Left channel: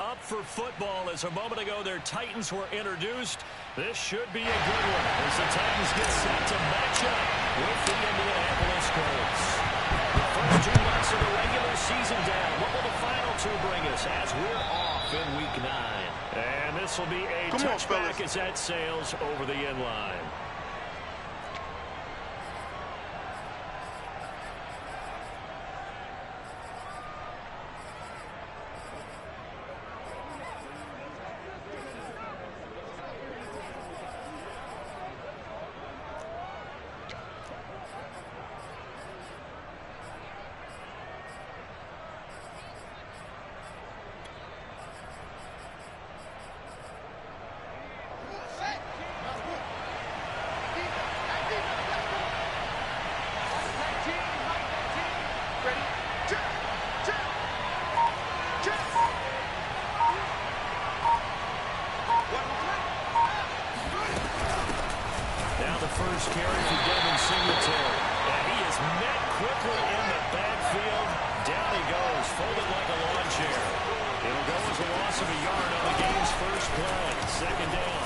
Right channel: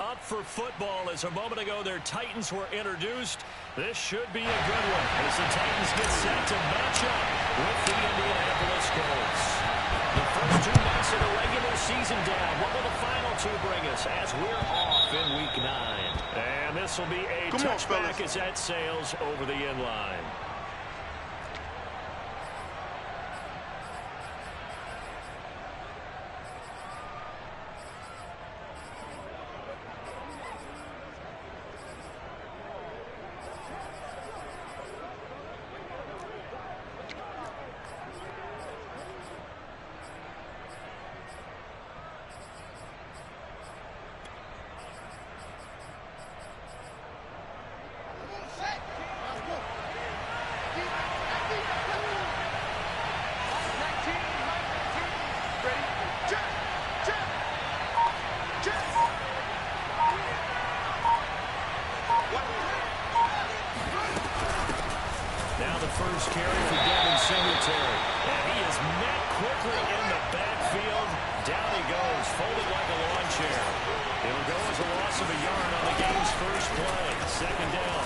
up for football as a moment ago their Titans were introduced. This should be a good one as the Titans get set to match up with the Indianapolis Colts. The first 2 months of the regular season down. What will the final 2 bring us as we're off in Week 9? And this will be a touchback as that sails over the end line. First carry for Devin Singletary. And he is met quickly in the backfield. Down he goes, folded like a lawn chair. It'll go as a loss of a yard on the game's first play. Second down.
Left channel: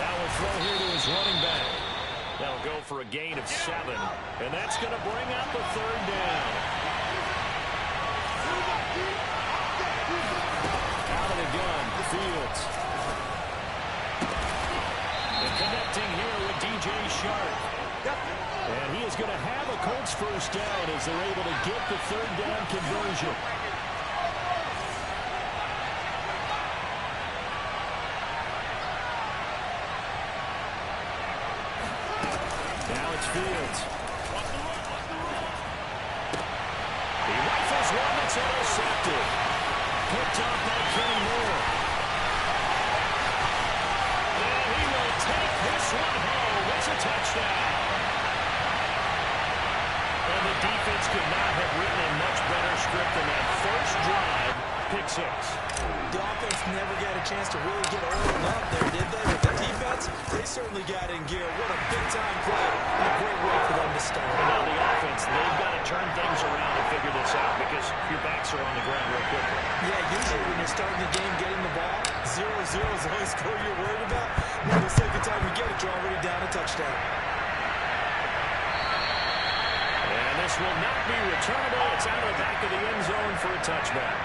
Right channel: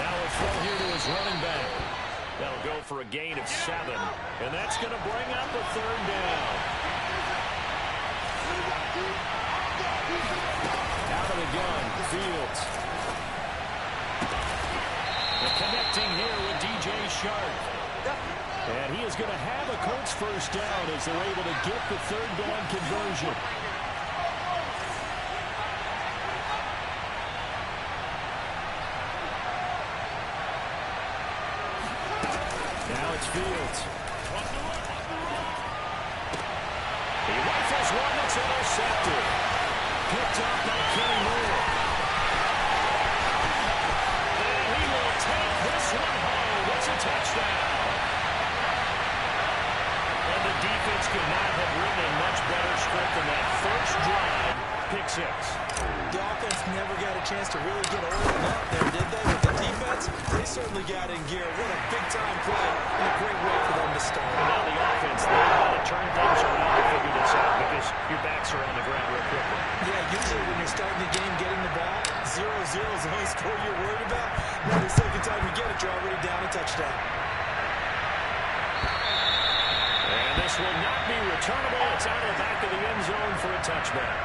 Now a throw here to his running back. That'll go for a gain of 7. And that's going to bring up a third down. Out of the gun, Fields. And connecting here with DJ Shark. And he is going to have a Colts first down as they're able to get the third down conversion. Now it's Fields. He rifles one that's intercepted. Picked up by Kenny Moore. Take this one home. It's a touchdown. And the defense could not have written a much better script than that first drive. Pick 6. The offense never got a chance to really get oiled up there, did they? With the defense, they certainly got in gear. What a big-time play and a great way for them to start. And now the offense, they've got to turn things around to figure this out because your backs are on the ground real quickly. Yeah, usually when you're starting the game, getting the ball, 0-0 is the only score you're worried about. Now the second time you get it, you're already down a touchdown. And this will not be returnable. It's out of the back of the end zone for a touchback.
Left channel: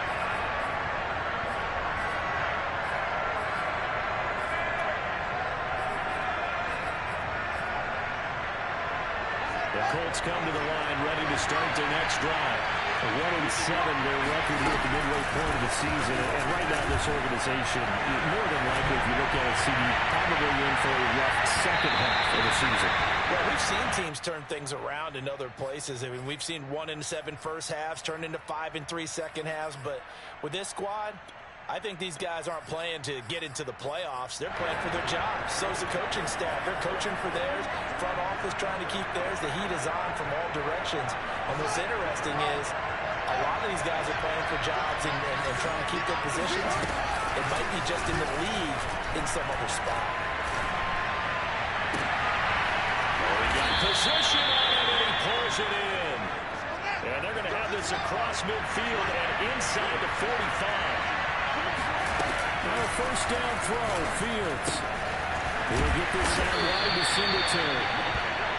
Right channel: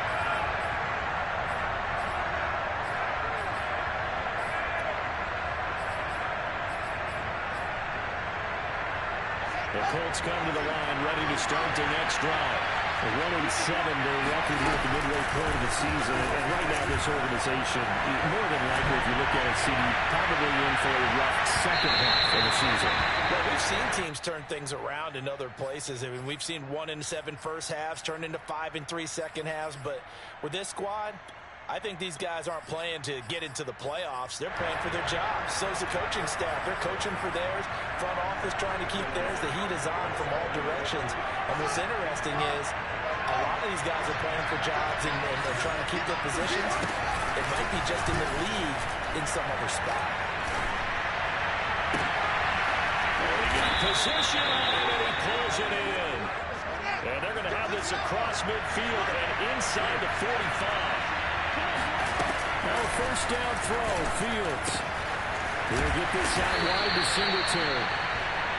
The Colts come to the line, ready to start their next drive. 1-7 their record here at the midway point of the season. And right now this organization, more than likely, if you look at it, CD, probably in for a rough second half of the season. Well, we've seen teams turn things around in other places. I mean, we've seen 1-7 first halves turn into 5-3 second halves. But with this squad, I think these guys aren't playing to get into the playoffs. They're playing for their jobs. So's the coaching staff. They're coaching for theirs. Front office trying to keep theirs. The heat is on from all directions. And what's interesting is a lot of these guys are playing for jobs and trying to keep their positions. It might be just in the league in some other spot. Oh, he got position on it, and he pulls it in. And they're going to have this across midfield and inside the 45. Now a first down throw, Fields. He'll get this out wide to Singletary.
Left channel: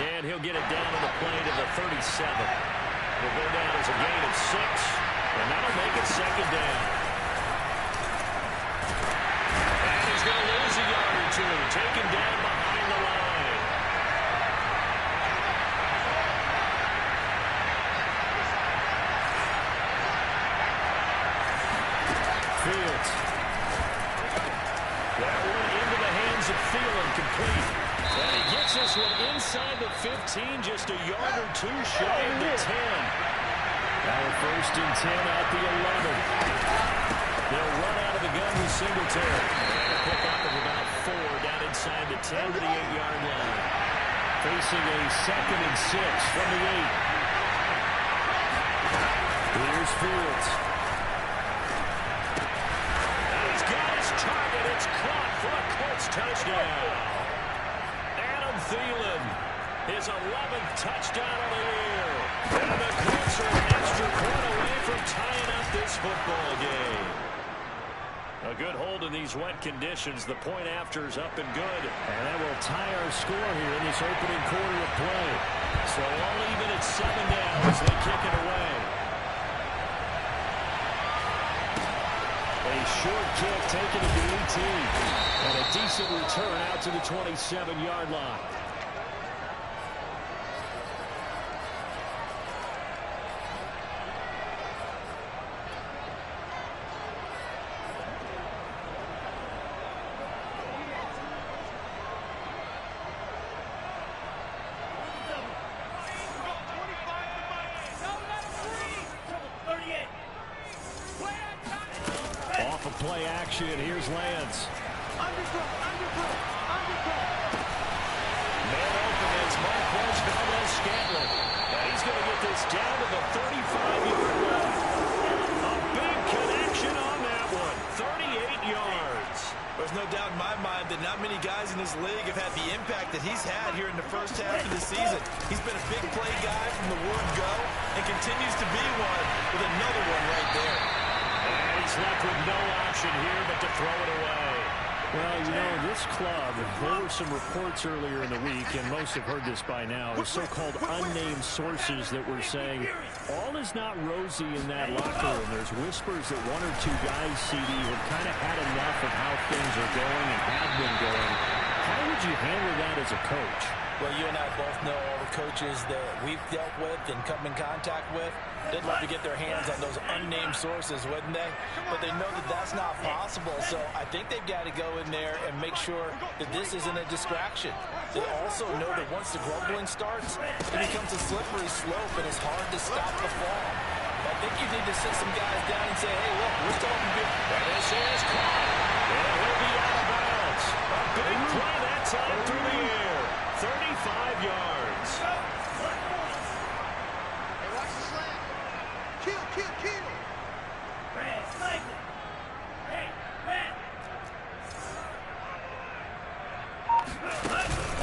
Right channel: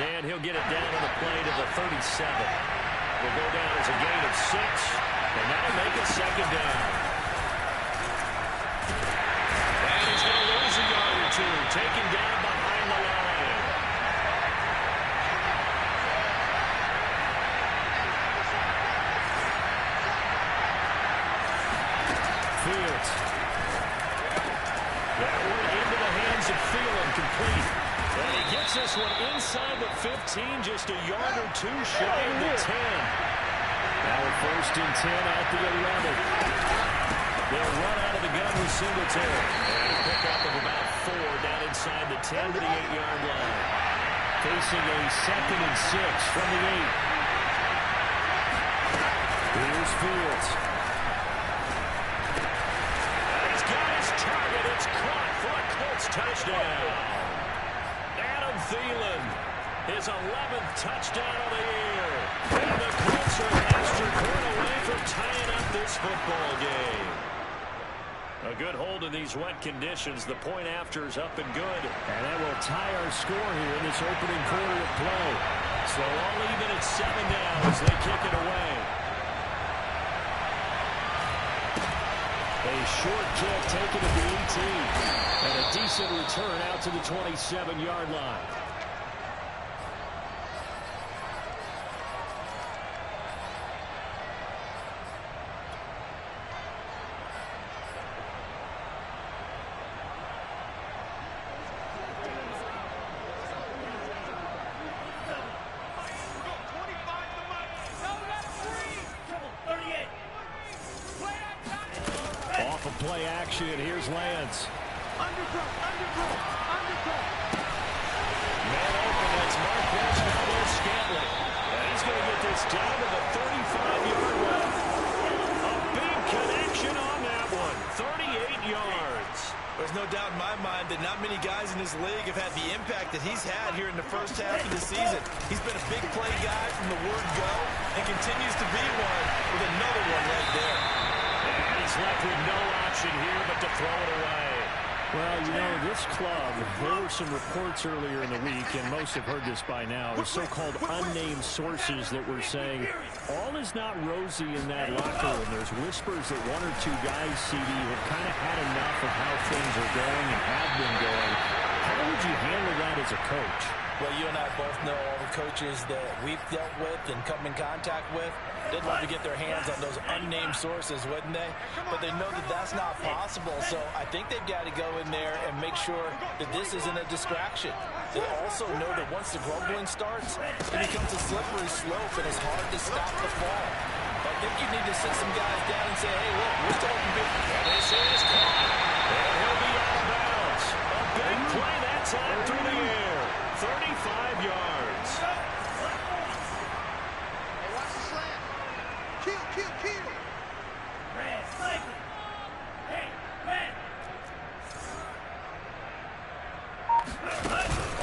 And he'll get it down on the play to the 37. Will go down as a gain of 6, and that'll make it second down. And he's going to lose a yard or 2, taken down behind the line. Fields. That one into the hands of Thielen, complete. And he gets this one inside the 15, just a yard or 2 shy of the 10. Now a first and 10 at the 11. They'll run out of the gun with Singletary. And a pickup of about 4 down inside the 10 to the 8-yard line. Facing a second and 6 from the 8. Here's Fields. And he's got his target. It's caught for a Colts touchdown. Adam Thielen His 11th touchdown of the year. And the Colts are an extra point away from tying up this football game. A good hold in these wet conditions. The point after is up and good. And that will tie our score here in this opening quarter of play. So all even at 7 now as they kick it away. A short kick taken at the 18. And a decent return out to the 27-yard line. Play action. Here's Lance. Underthrow. Man open. That's Marquez Valdez-Scantling. And he's going to get this down to the 35-yard line. A big connection on that one. 38 yards. There's no doubt in my mind that not many guys in this league have had the impact that he's had here in the first half of the season. He's been a big play guy from the word go and continues to be one with another one right there. And he's left with no option here but to throw it away. Well, you know, this club, there were some reports earlier in the week, and most have heard this by now, the so-called unnamed sources that were saying all is not rosy in that locker room. There's whispers that one or two guys, CD, have kind of had enough of how things are going and have been going. How would you handle that as a coach? Well, you and I both know all the coaches that we've dealt with and come in contact with. They'd love to get their hands on those unnamed sources, wouldn't they? But they know that that's not possible, so I think they've got to go in there and make sure that this isn't a distraction. They also know that once the grumbling starts, it becomes a slippery slope, and it's hard to stop the fall. I think you need to sit some guys down and say, hey, look, we're still open. And this is caught. And he'll be out of bounds. A big play that time through the air. 35 yards. Hey, watch the slant. Kill. Red, cycle. Hey, red.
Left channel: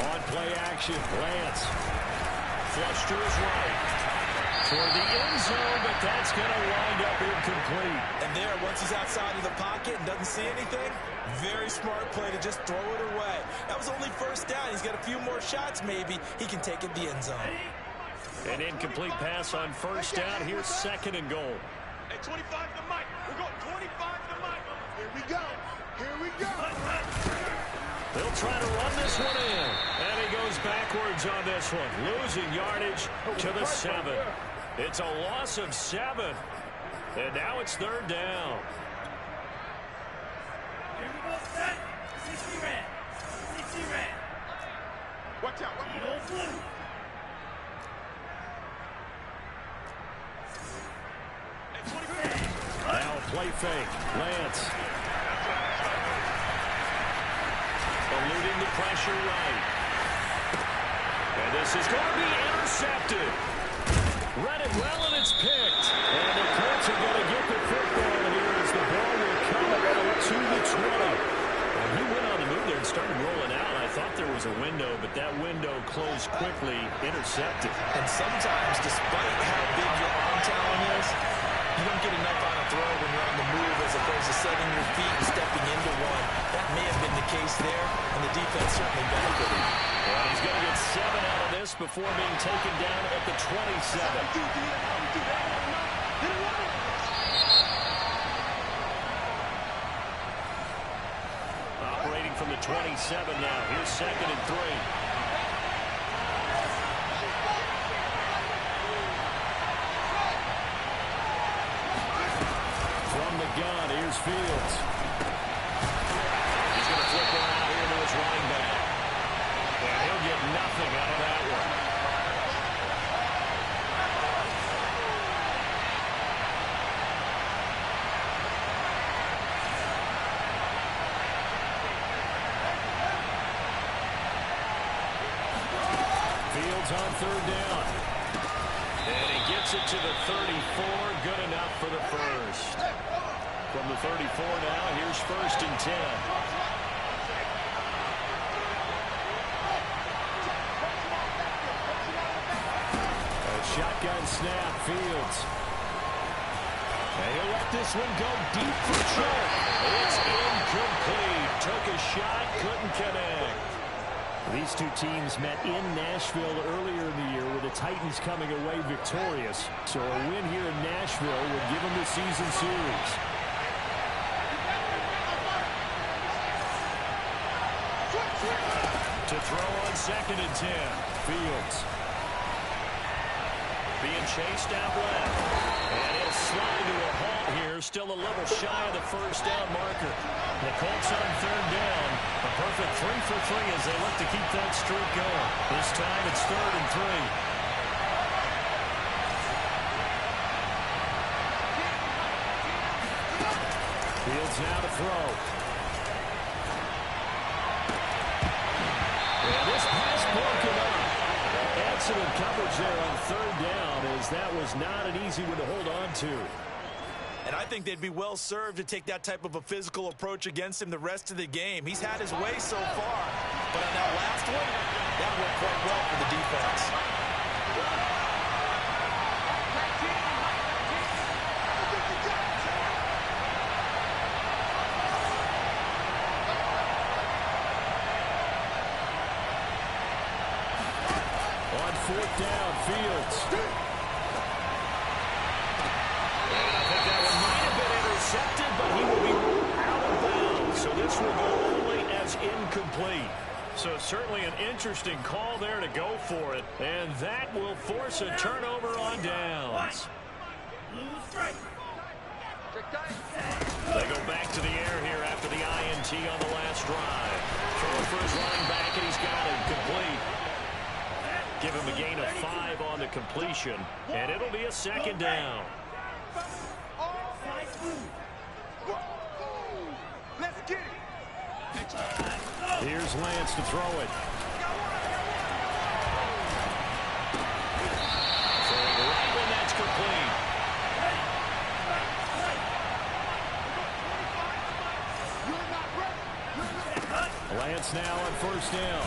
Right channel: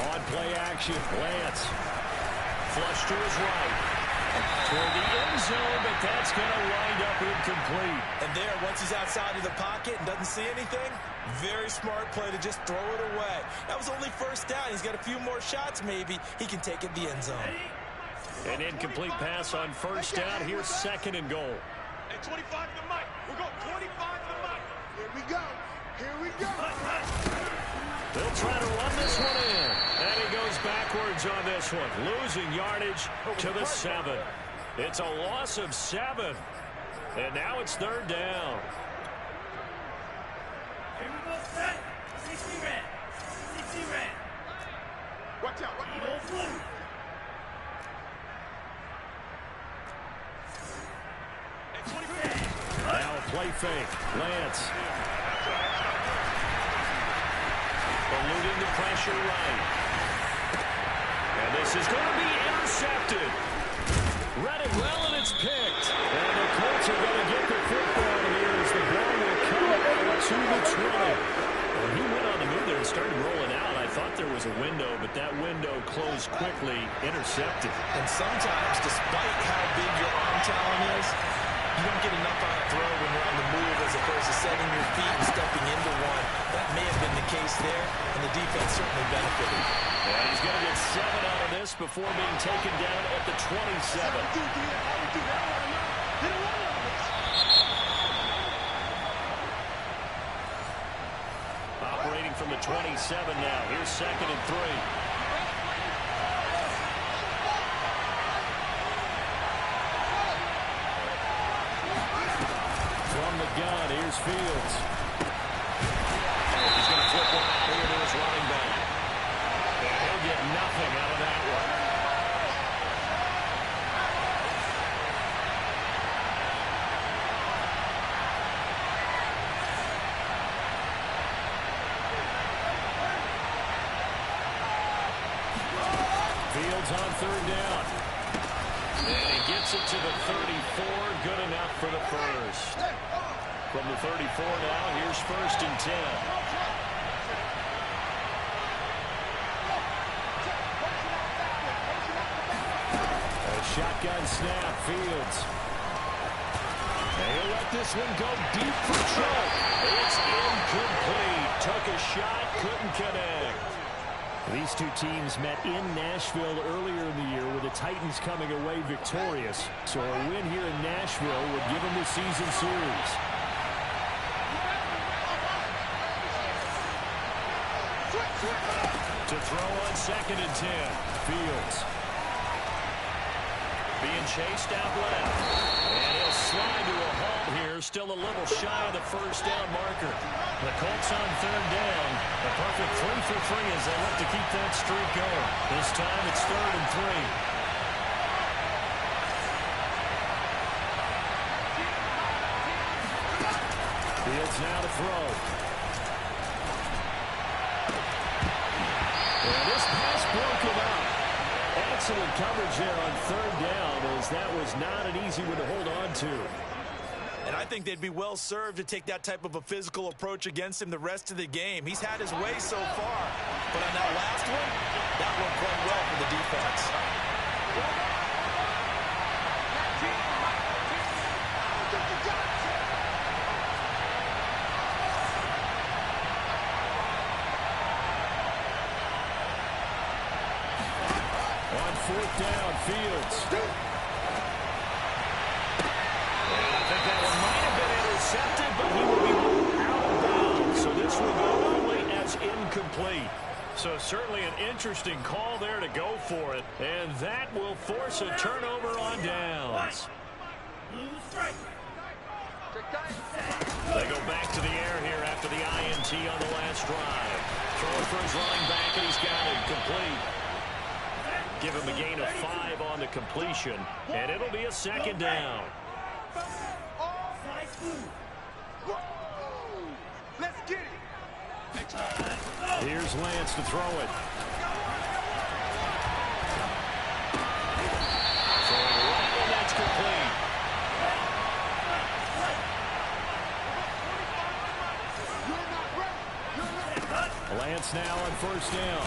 On play action, Lance. Flush to his right. Toward the end zone, but that's going to wind up incomplete. And there, once he's outside of the pocket and doesn't see anything, very smart play to just throw it away. That was only first down. He's got a few more shots, maybe. He can take it the end zone. An incomplete pass on first down. Here's 2nd and goal. Hey, 25 to the mic. We're going 25 to the mic. Here we go. They'll try to run this one in. And he goes backwards on this one. Losing yardage to the 7. It's a loss of 7. And now it's 3rd down. Here we go, set. 60 red. Watch out. Eagle blue. Now a play fake. Lance. Eluding the pressure right. And this is going to be intercepted. Read it well, and it's picked. And the Colts are going to get the football here as the ball will come out to the 20. Well, he went on the move there and started rolling out. I thought there was a window, but that window closed quickly, intercepted. And sometimes, despite how big your arm talent is, you don't get enough on a throw when you're on the move as opposed to setting your feet and stepping into one. That may have been the case there, and the defense certainly benefited. And he's going to get 7 out of this before being taken down at the 27. Operating from the 27 now. Here's 2nd and 3. From the gun, here's Fields. He's going to flip one out here to his running back. And he'll get nothing out of that one. Fields on 3rd down. And he gets it to the 34. Good enough for the first. From the 34 now, here's 1st and 10. Shotgun snap, Fields. And he'll let this one go deep for choke. It's incomplete. Took a shot, couldn't connect. These two teams met in Nashville earlier in the year with the Titans coming away victorious. So a win here in Nashville would give them the season series. To throw on 2nd and 10. Fields. Being chased out left. And he'll slide to a halt here. Still a little shy of the first down marker. The Colts on 3rd down. A perfect 3 for 3 as they look to keep that streak going. This time it's 3rd and 3. Fields now to throw. And this pass broken up. Excellent coverage there on 3rd down, as that was not an easy one to hold on to. And I think they'd be well served to take that type of a physical approach against him the rest of the game. He's had his way so far, but on that last one, that worked quite well for the defense. On 4th down, Fields. And I think that one might have been intercepted, but he will be ruled out of bounds. So this will go only as incomplete. So certainly an interesting call there to go for it. And that will force a turnover on downs. They go back to the air here after the INT on the last drive. Throwing for his running back, and he's got it complete. Give him a gain of 5 on the completion, and it'll be a 2nd down. Let's get it. Here's Lance to throw it. Throwing right, and that's complete. Lance now on 1st down.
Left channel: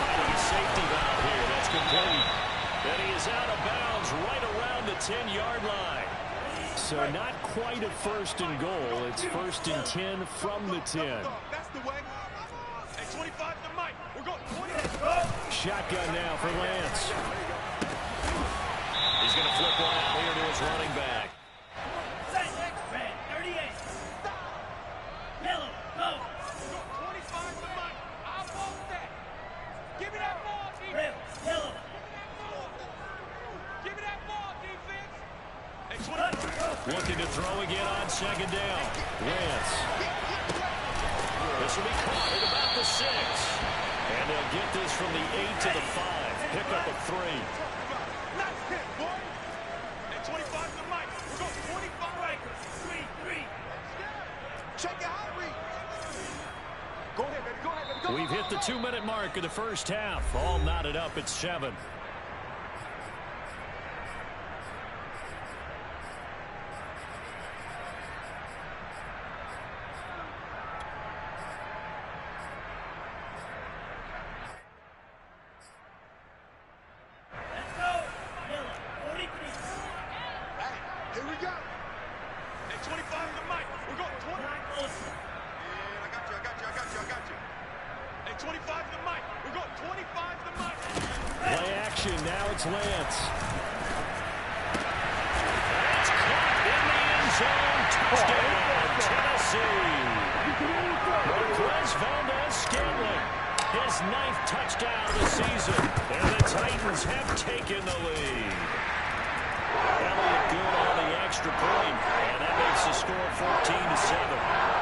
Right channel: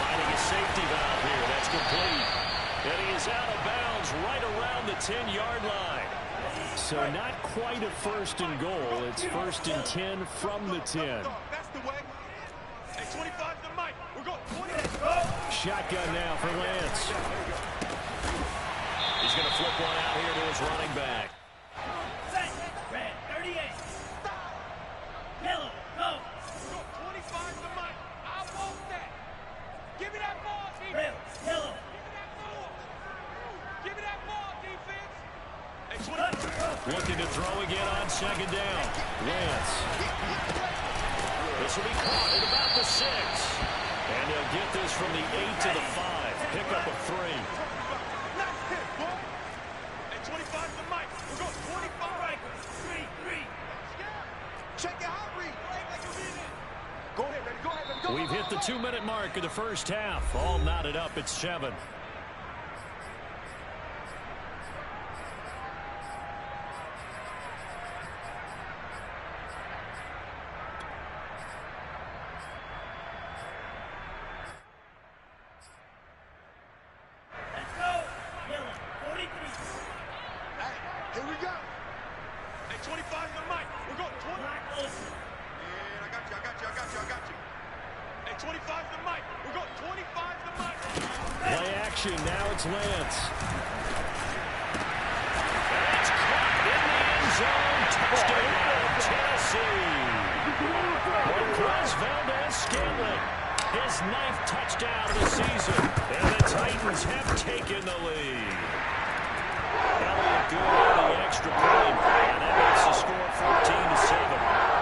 Finding a safety valve here. That's complete. And he is out of bounds right around the 10-yard line. So not quite a 1st and goal. It's 1st and 10 from the 10. That's the way. Hey, 25 to Mike. We're going 20. Shotgun now for Lance. He's going to flip one out here to his running back. Red, 38. Yellow, go. We're going 25 to Mike. I want that. Give me that ball, defense. Red, yellow. Give me that ball, defense. Hey, 20. Looking to throw again on 2nd down. Lance. This will be caught at about the 6. And they'll get this from the 8 to the 5. Pickup of 3. Nice hit, boy. Hey, 25 to Mike. We're going 25. Strikers, 3-3. Check it out, Reed. Go ahead, baby. Go ahead, baby. Go, We've hit the 2-minute mark of the first half. All knotted up at 7. Let's go. Yellow, 43. Hey, here we go. Hey, 25 to Mike. We're going 20. Black Olsen. And I got you. Hey, 25 to Mike. We're going 25 to Mike. Play action. Now it's Lance. That's caught in the end zone. Touchdown, Tennessee. Marquez Valdez-Scantling. His 9th touchdown of the season. And the Titans have taken the lead. Elliott good on the extra point. And that makes the score 14-7.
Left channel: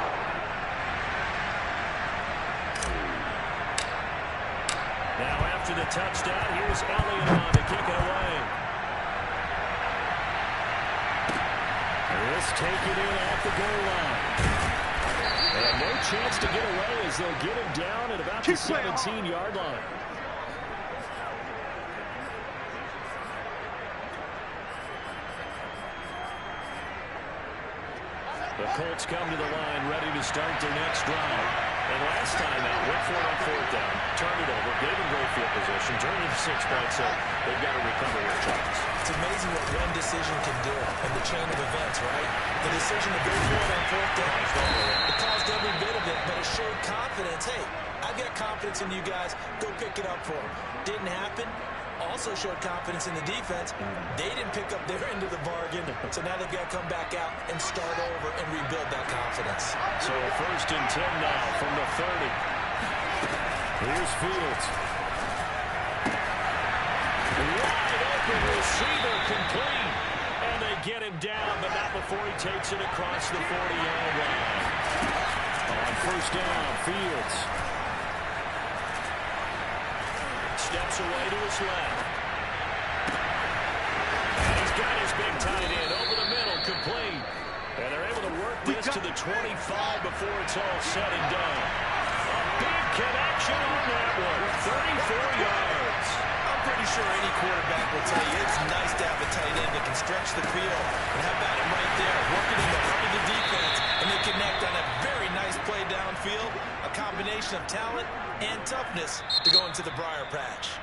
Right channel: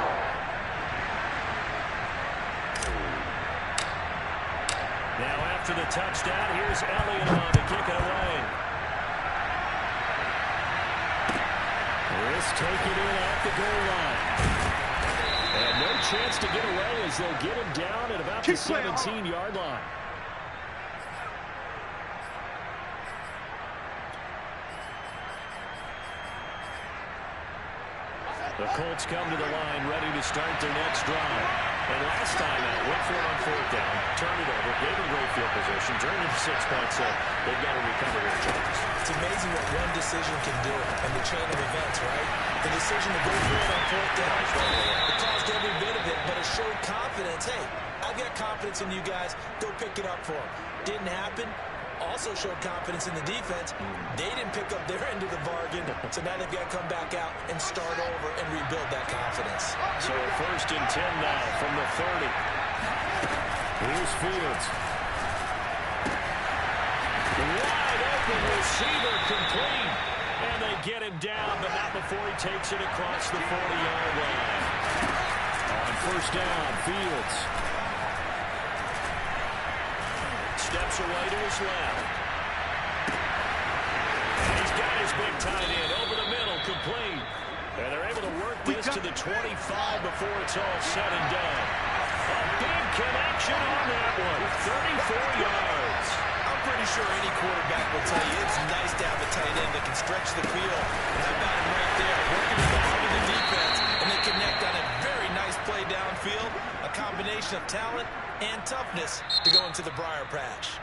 Now after the touchdown, here's Elliott on to kick it away. This taken in at the goal line. And no chance to get away as they'll get him down at about the 17-yard line. The Colts come to the line ready to start their next drive. And last time out, went for it on fourth down, turned it over, gave them great field position, turned it into 6 points, so they've got to recover here, Charles. It's amazing what one decision can do in the chain of events, right? The decision to go for it on fourth down, it caused every bit of it, but it showed confidence. Hey, I've got confidence in you guys. Go pick it up for them. Didn't happen. Also showed confidence in the defense. They didn't pick up their end of the bargain, so now they've got to come back out and start over and rebuild that confidence. So 1st and 10 now from the 30. Here's Fields. Wide open receiver complete. And they get him down, but not before he takes it across the 40-yard line. On 1st down, Fields steps away to his left. And he's got his big tight end over the middle, complete. And they're able to work this to the 25 before it's all said and done. A big connection on that one, 34 yards. I'm pretty sure any quarterback will tell you it's nice to have a tight end that can stretch the field. And how about him right there, working in the heart of the defense, and they connect on a very nice play downfield, a combination of talent and toughness to go into the briar patch.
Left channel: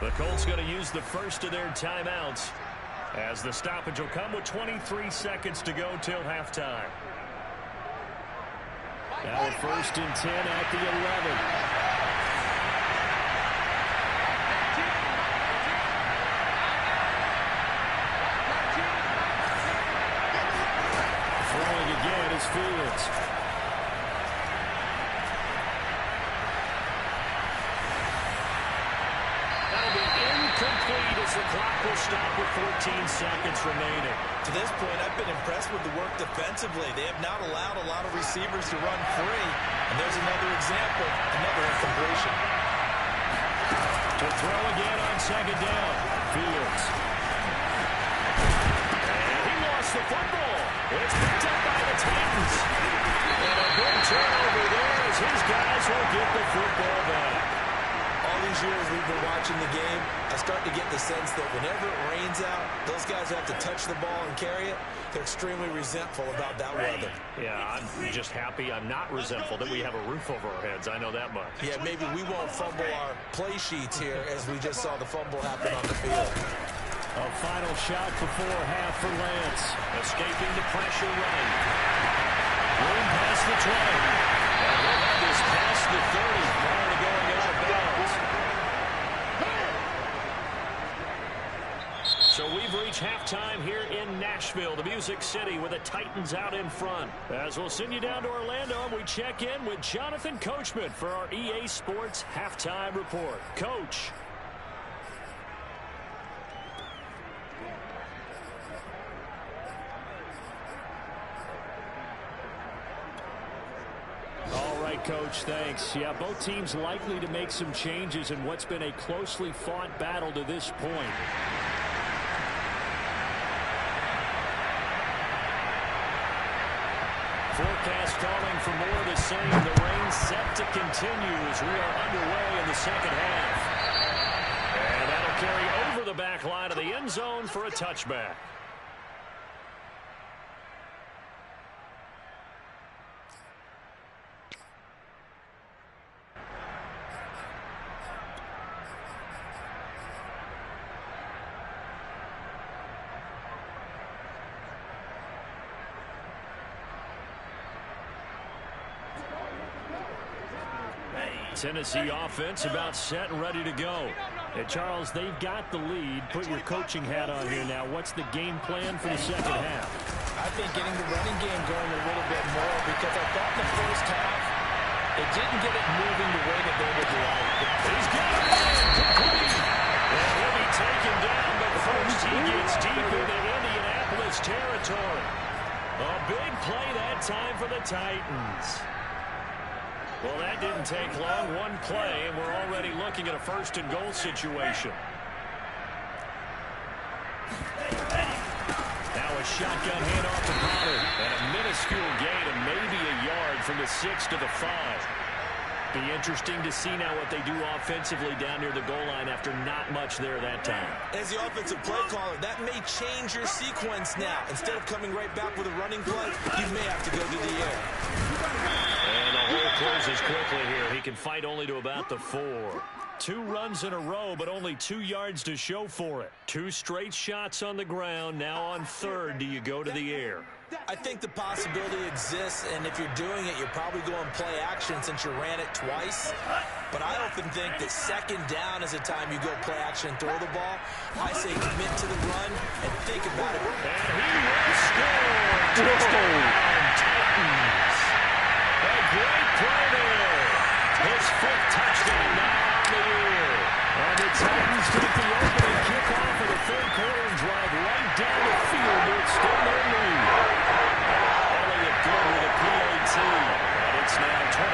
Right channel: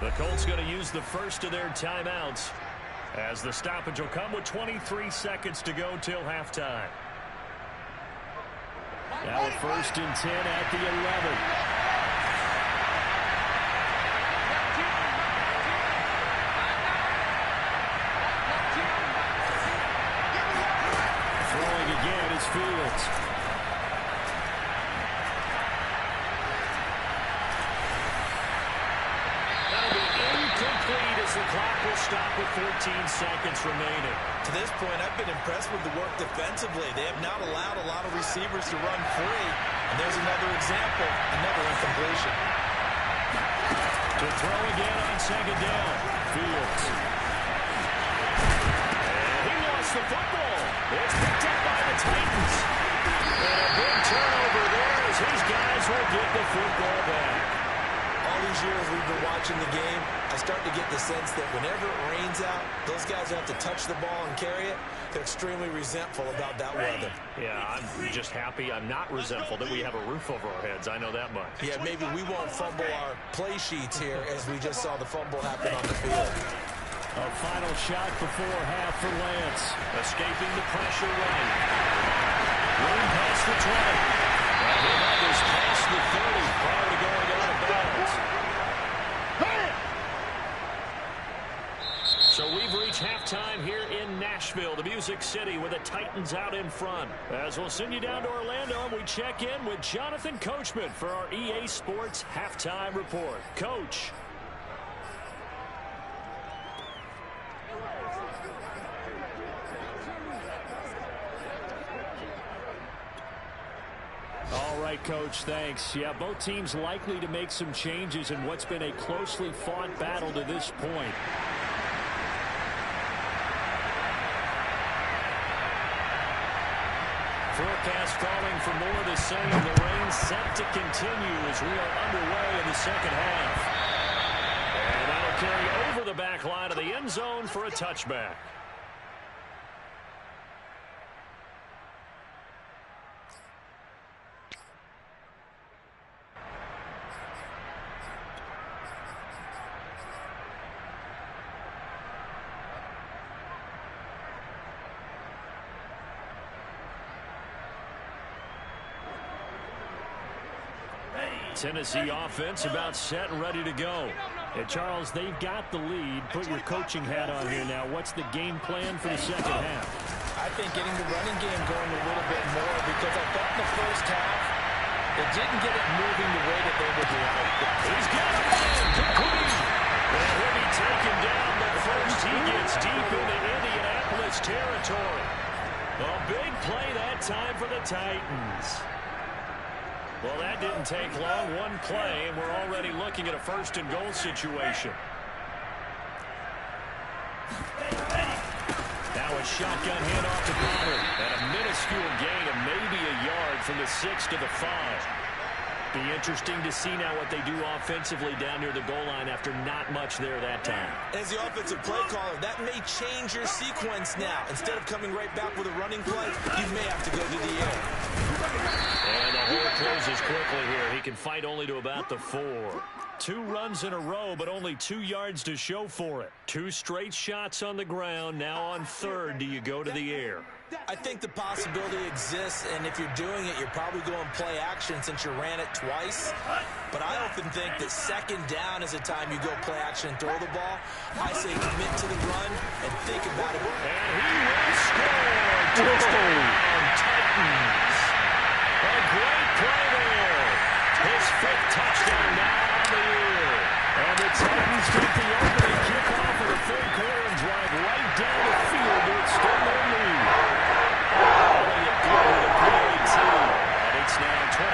The Colts going to use the first of their timeouts as the stoppage will come with 23 seconds to go till halftime. Now a 1st and 10 at the 11. Throwing again is Fields. That'll be incomplete as the clock will stop with 14 seconds remaining. To this point, I've been impressed with the work defensively. They have not allowed a lot of receivers to run free. And there's another example, another incompletion. To throw again on 2nd down, Fields. And he lost the football. It's picked up by the Titans. And a big turnover there as his guys will get the football back. All these years we've been watching the game, I start to get the sense that whenever it rains out, those guys who have to touch the ball and carry it, they're extremely resentful about that weather. Yeah, I'm just happy I'm not resentful that we have a roof over our heads. I know that much. Yeah, maybe we won't fumble our play sheets here as we just saw the fumble happen on the field. A final shot before half for Lance. Escaping the pressure right. Room past the 20. And he'll have this past the 30 prior to going out of bounds. So we've reached halftime here in Nashville, the Music City, with the Titans out in front. As we'll send you down to Orlando, and we check in with Jonathan Coachman for our EA Sports Halftime Report. Coach. All right, Coach, thanks. Yeah, both teams likely to make some changes in what's been a closely fought battle to this point. Forecast calling for more of the same. The rain set to continue as we are underway in the second half. And that'll carry over the back line of the end zone for a touchback. Tennessee offense about set and ready to go. And Charles, they've got the lead. Put your coaching hat on here now. What's the game plan for the second half? I think getting the running game going a little bit more, because I thought in the first half it didn't get it moving the way that they would like. He's got a man complete. And he'll be taken down, but first he gets deep into Indianapolis territory. A big play that time for the Titans. Well, that didn't take long. One play, and we're already looking at a 1st and goal situation. Now a shotgun handoff to Pollard. And a minuscule gain of maybe a yard from the 6 to the 5. Be interesting to see now what they do offensively down near the goal line after not much there that time. As the offensive play caller, that may change your sequence now. Instead of coming right back with a running play, you may have to go to the air. And the hole closes quickly here. He can fight only to about the 4. 2 runs in a row, but only 2 yards to show for it. 2 straight shots on the ground. Now on third, do you go to the air? I think the possibility exists, and if you're doing it, you're probably going play action since you ran it twice. But I often think that second down is a time you go play action and throw the ball. I say commit to the run and think about it. And he will score. Touchdown, Titans. A great play there. His 5th touchdown now on the year. And the Titans take the opening kickoff of the third quarter and drive right down the field to extend their lead. Elliott good with a PAT. And it's now 21-7.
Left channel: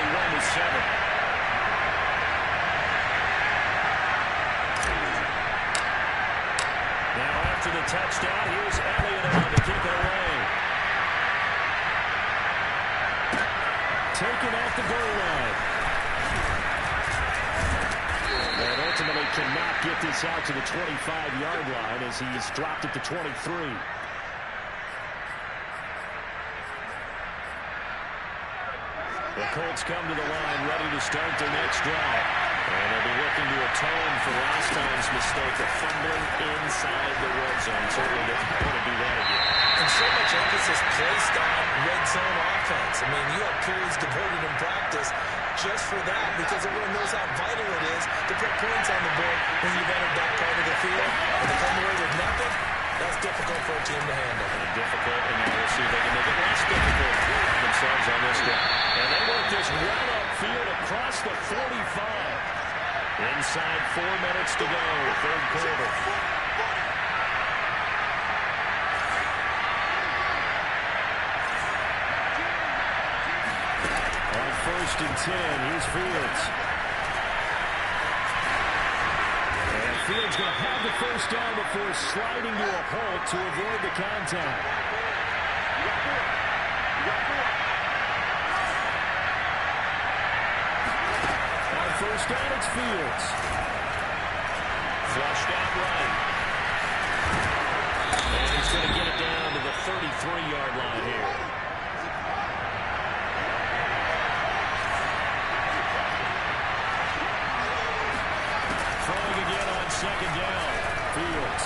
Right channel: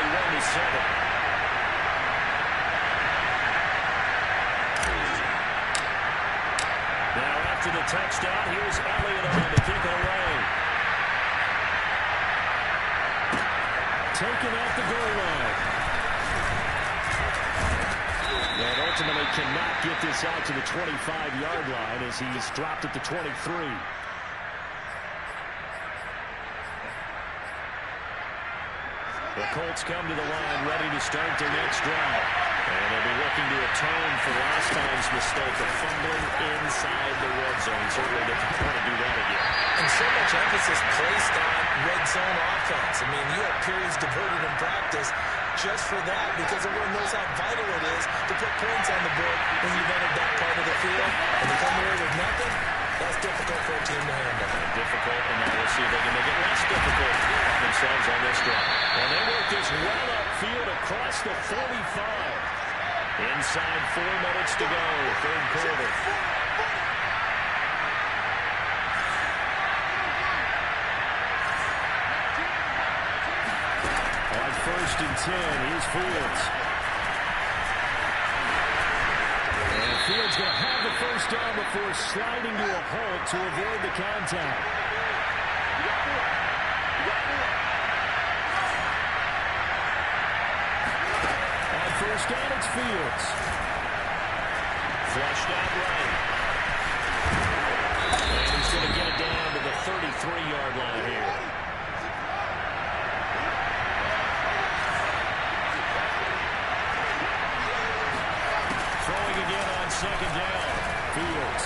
Now after the touchdown, here's Elliott on to kick it away. Taken at the goal line. And ultimately cannot get this out to the 25-yard line as he's dropped at the 23. The Colts come to the line ready to start their next drive. And they'll be looking to atone for last time's mistake of fumbling inside the red zone. Certainly doesn't want to do that again. And so much emphasis placed on red zone offense. I mean, you have periods devoted in practice just for that because everyone knows how vital it is to put points on the board when you've entered that part of the field. And to come away with nothing, that's difficult for a team to handle. And difficult, and now we'll see if they can make it less difficult on themselves on this drive. And they work this well upfield across the 45. Inside 4 minutes to go, third quarter. On 1st and 10, here's Fields. And Fields going to have the first down before sliding to a halt to avoid the contact. On first down, it's Fields. Flushed out right. And he's going to get it down to the 33-yard line here. Throwing again on second down. Fields.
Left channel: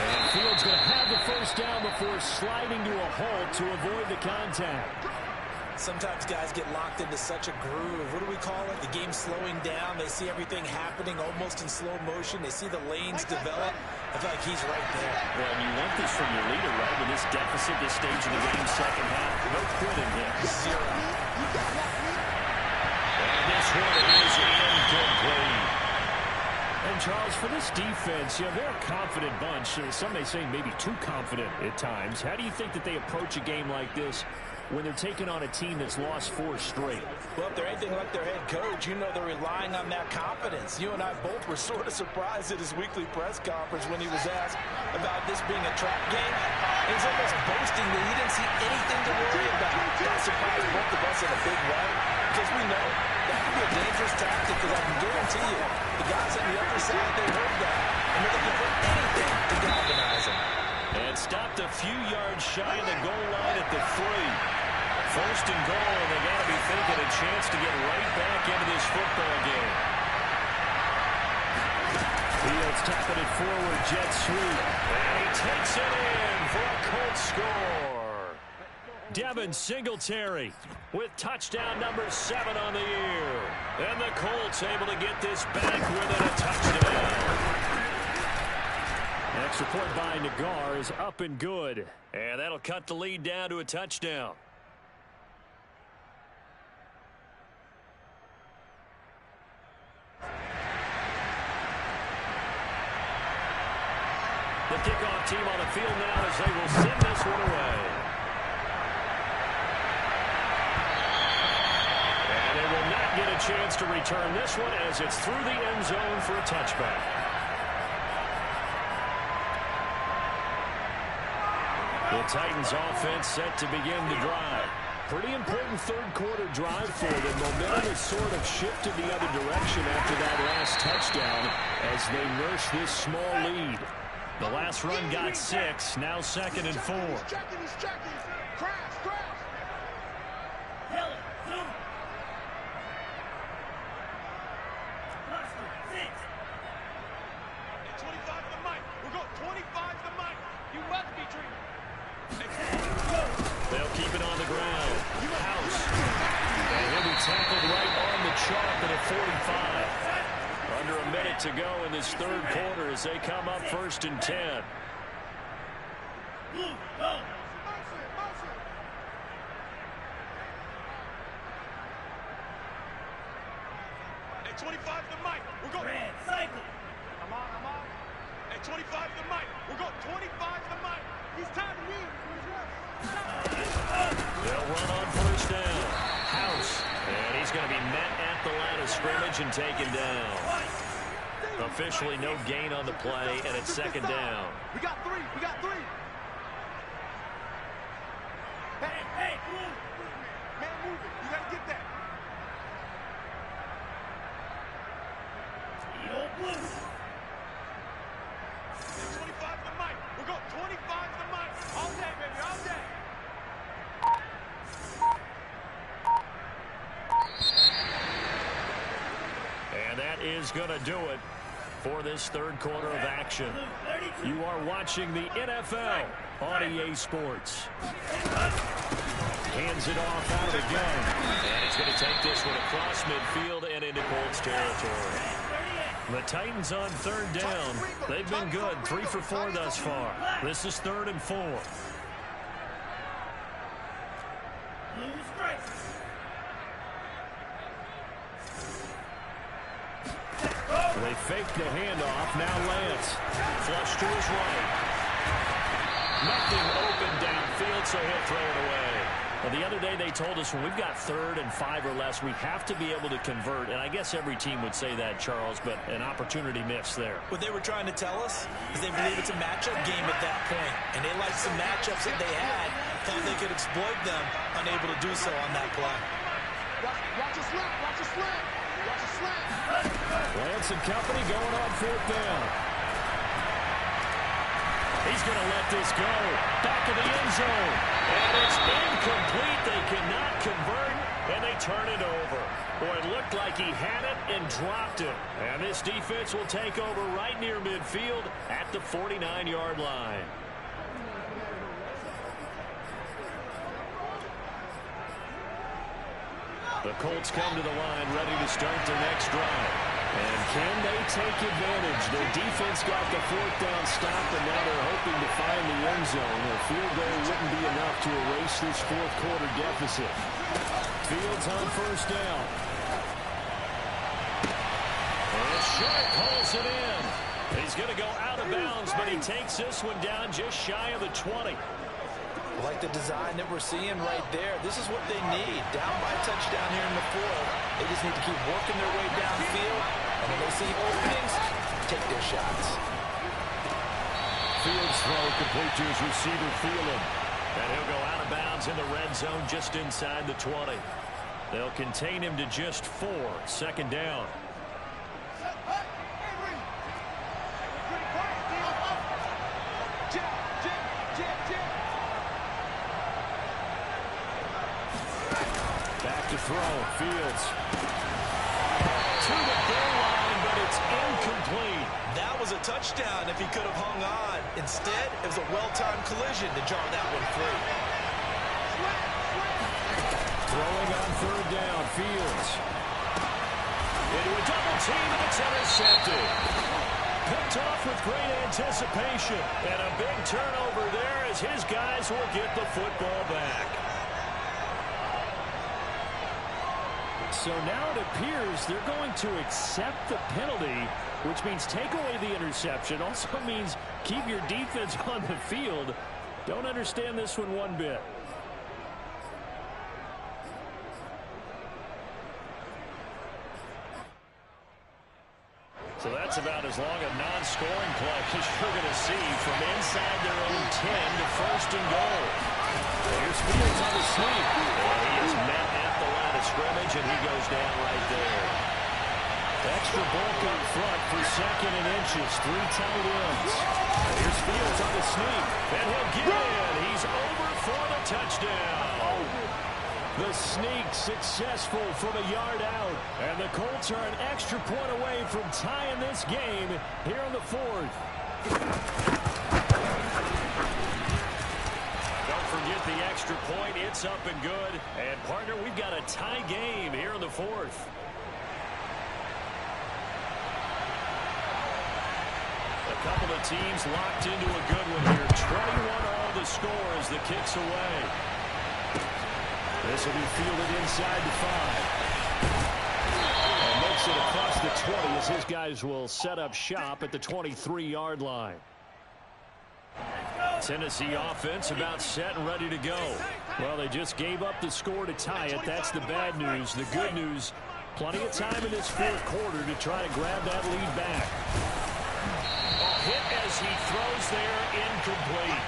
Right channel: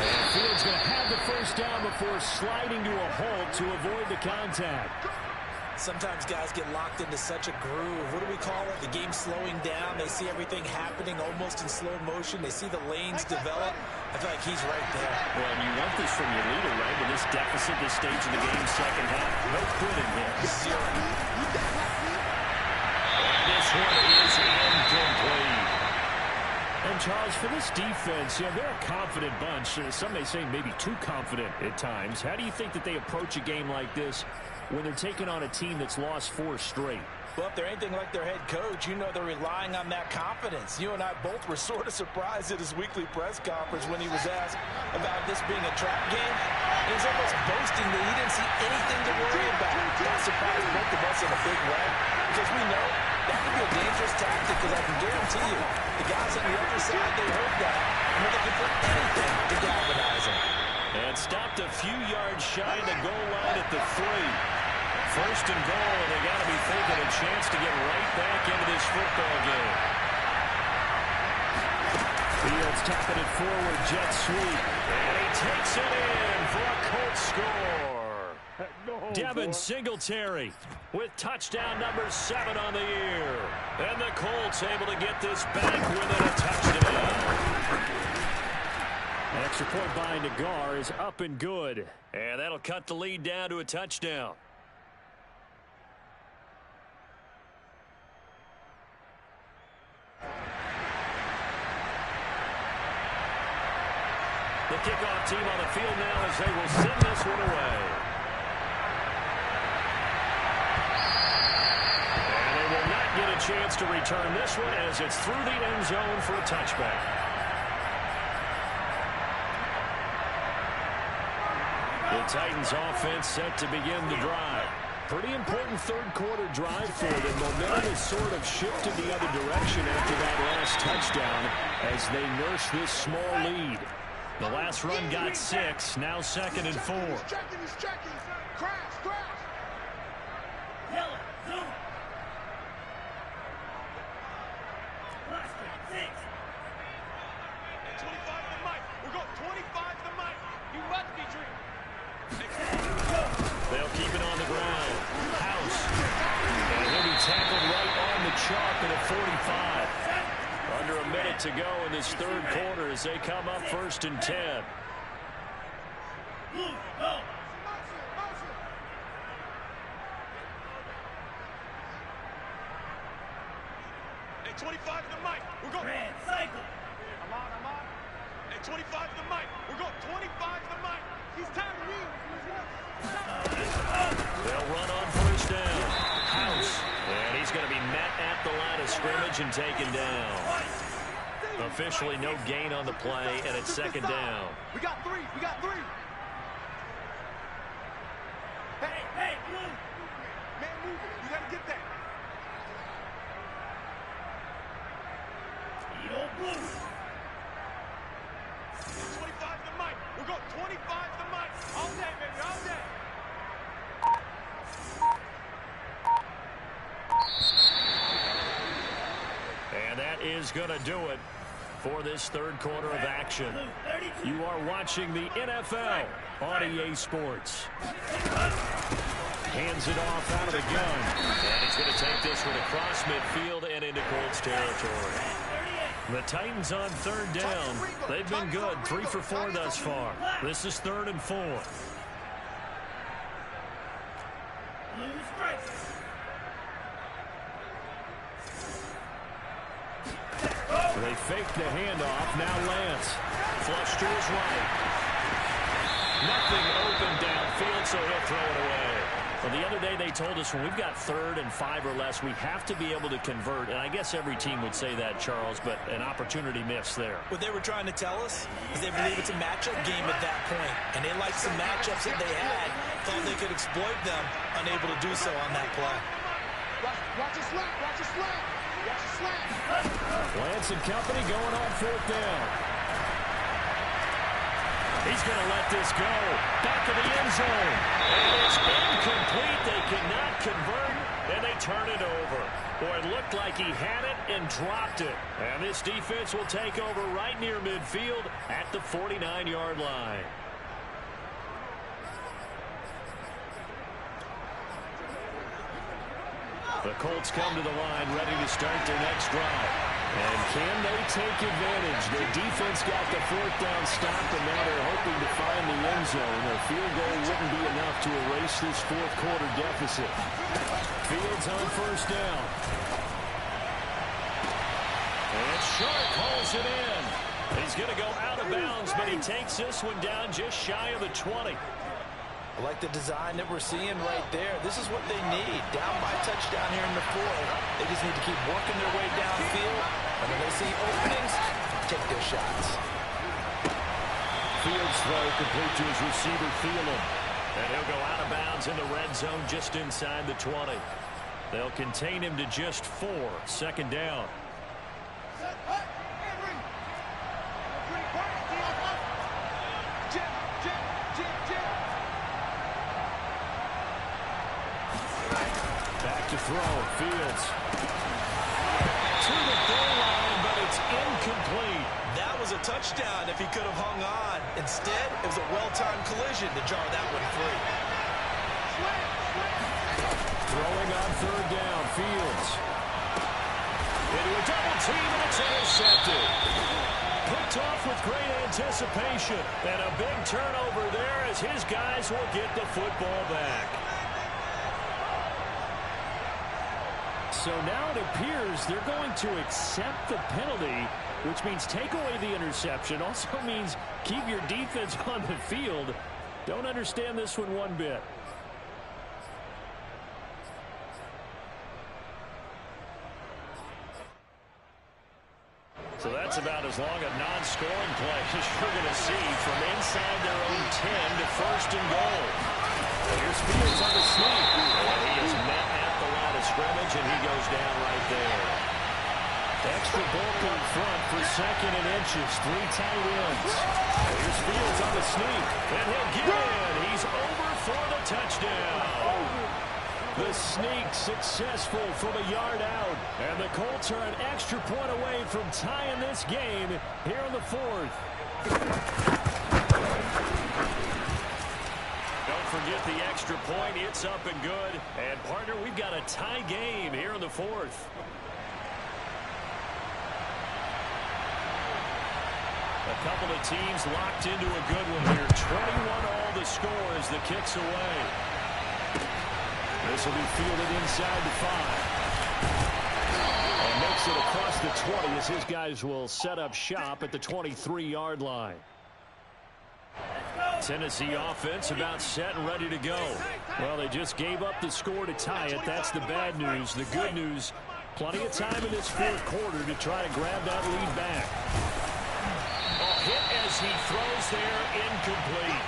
And Fields going to have the first down before sliding to a halt to avoid the contact. Sometimes guys get locked into such a groove. What do we call it? The game slowing down. They see everything happening almost in slow motion. They see the lanes develop. I feel like he's right there. Well, and you want this from your leader, right? With this deficit, this stage of the game, second half, no quitting here. 0. And this one is incomplete. And, Charles, for this defense, they're a confident bunch. Some may say maybe too confident at times. How do you think that they approach a game like this when they're taking on a team that's lost 4 straight? Well, if they're anything like their head coach, they're relying on that confidence. You and I both were sort of surprised at his weekly press conference when he was asked about this being a trap game. And he's almost boasting that he didn't see anything to worry about. That surprised both of us in a big way because we know that can be a dangerous tactic because I can guarantee you the guys on the other side, they heard that, and they're looking for anything to galvanize them. And stopped a few yards shy of the goal line at the 3. First and goal, and they got to be thinking a chance to get right back into this football game. Fields tapping it forward, jet sweep. And he takes it in for a Colts score. Devin Singletary with touchdown number 7 on the year. And the Colts able to get this back within a touchdown. An extra point by Nagar is up and good. And that'll cut the lead down to a touchdown. The kickoff team on the field now as they will send this one away. And they will not get a chance to return this one as it's through the end zone for a touchback. The Titans offense set to begin the drive. Pretty important third-quarter drive for them. Momentum has sort of shifted the other direction after that last touchdown as they nurse this small lead. The last run got 6, now 2nd and 4. Yellow, zone. Last one, 6. At 25 to the mic. We're going 25 to the mic. You must be dreaming. They'll keep it on the ground. House. And he'll be tackled right on the chalk at a 45. Under a minute to go in this third quarter as they come up 1st and 10. Blue, go. At 25 to the mic. We're going. Red, cycle. I'm on. At 25 to the mic. We're going 25 to the mic. He's tagging me. They'll run on 1st down. House. And he's going to be met at the line of scrimmage and taken down. Officially no gain on the play, and it's 2nd down. We got 3. Hey, blue. Man, move it. You got to get that. Eat old blue. At 25 to the mic. We're going 25 to the mic. All day, baby, all day. And that is going to do it for this third quarter of action. You are watching the NFL on EA Sports. Hands it off out of the gun. And he's going to take this one across midfield and into Colts territory. The Titans on 3rd down. They've been good, 3 for 4 thus far. This is 3rd and 4. Blue strikes. They fake the handoff. Now Lance. Flush to his right. Nothing open downfield, so he'll throw it away. Well, the other day they told us when we've got 3rd and 5 or less, we have to be able to convert. And I guess every team would say that, Charles, but an opportunity missed there. What they were trying to tell us is they believe it's a matchup game at that point. And they liked some matchups that they had, thought they could exploit them, unable to do so on that play. Watch a slant. Watch a slant. Watch a slant. Lance and company going on 4th down. He's going to let this go. Back of the end zone. And it's incomplete. They cannot convert, and they turn it over. Boy, it looked like he had it and dropped it. And this defense will take over right near midfield at the 49-yard line. The Colts come to the line ready to start their next drive. And can they take advantage? Their defense got the 4th down stop, and now they're hoping to find the end zone. A field goal wouldn't be enough to erase this 4th quarter deficit. Fields on 1st down. And Sharp hauls it in. He's going to go out of bounds, but he takes this one down just shy of the 20. I like the design that we're seeing right there. This is what they need. Down by touchdown here in the 4th. They just need to keep working their way downfield. And when they see openings, take their shots. Fields throw complete to his receiver, Thielen. And he'll go out of bounds in the red zone just inside the 20. They'll contain him to just 4. 2nd down. Back to throw. Fields. To the goal line, but it's incomplete. That was a touchdown if he could have hung on. Instead, it was a well-timed collision to jar that one free. Throwing on 3rd down. Fields. Into a double team, and it's intercepted. Picked off with great anticipation. And a big turnover there as his guys will get the football back. So now it appears they're going to accept the penalty, which means take away the interception. Also means keep your defense on the field. Don't understand this one bit. So that's about as long a non-scoring play as you're going to see from inside their own 10 to first and goal. Here's Fields on the sneak. And he is met at the line of scrimmage, and he goes down right there. Extra bulk up front for second and inches. 3 tight ends. Here's Fields on the sneak, and he'll get in. He's over for the touchdown. The sneak successful from a yard out. And the Colts are an extra point away from tying this game here in the 4th. Don't forget the extra point. It's up and good. And, partner, we've got a tie game here in the 4th. A couple of teams locked into a good one here. 21-all the score as the kick's away. This will be fielded inside the 5. And makes it across the 20 as his guys will set up shop at the 23-yard line. Tennessee offense about set and ready to go. Well, they just gave up the score to tie it. That's the bad news. The good news, plenty of time in this 4th quarter to try to grab that lead back. Oh, hit as he throws there, incomplete.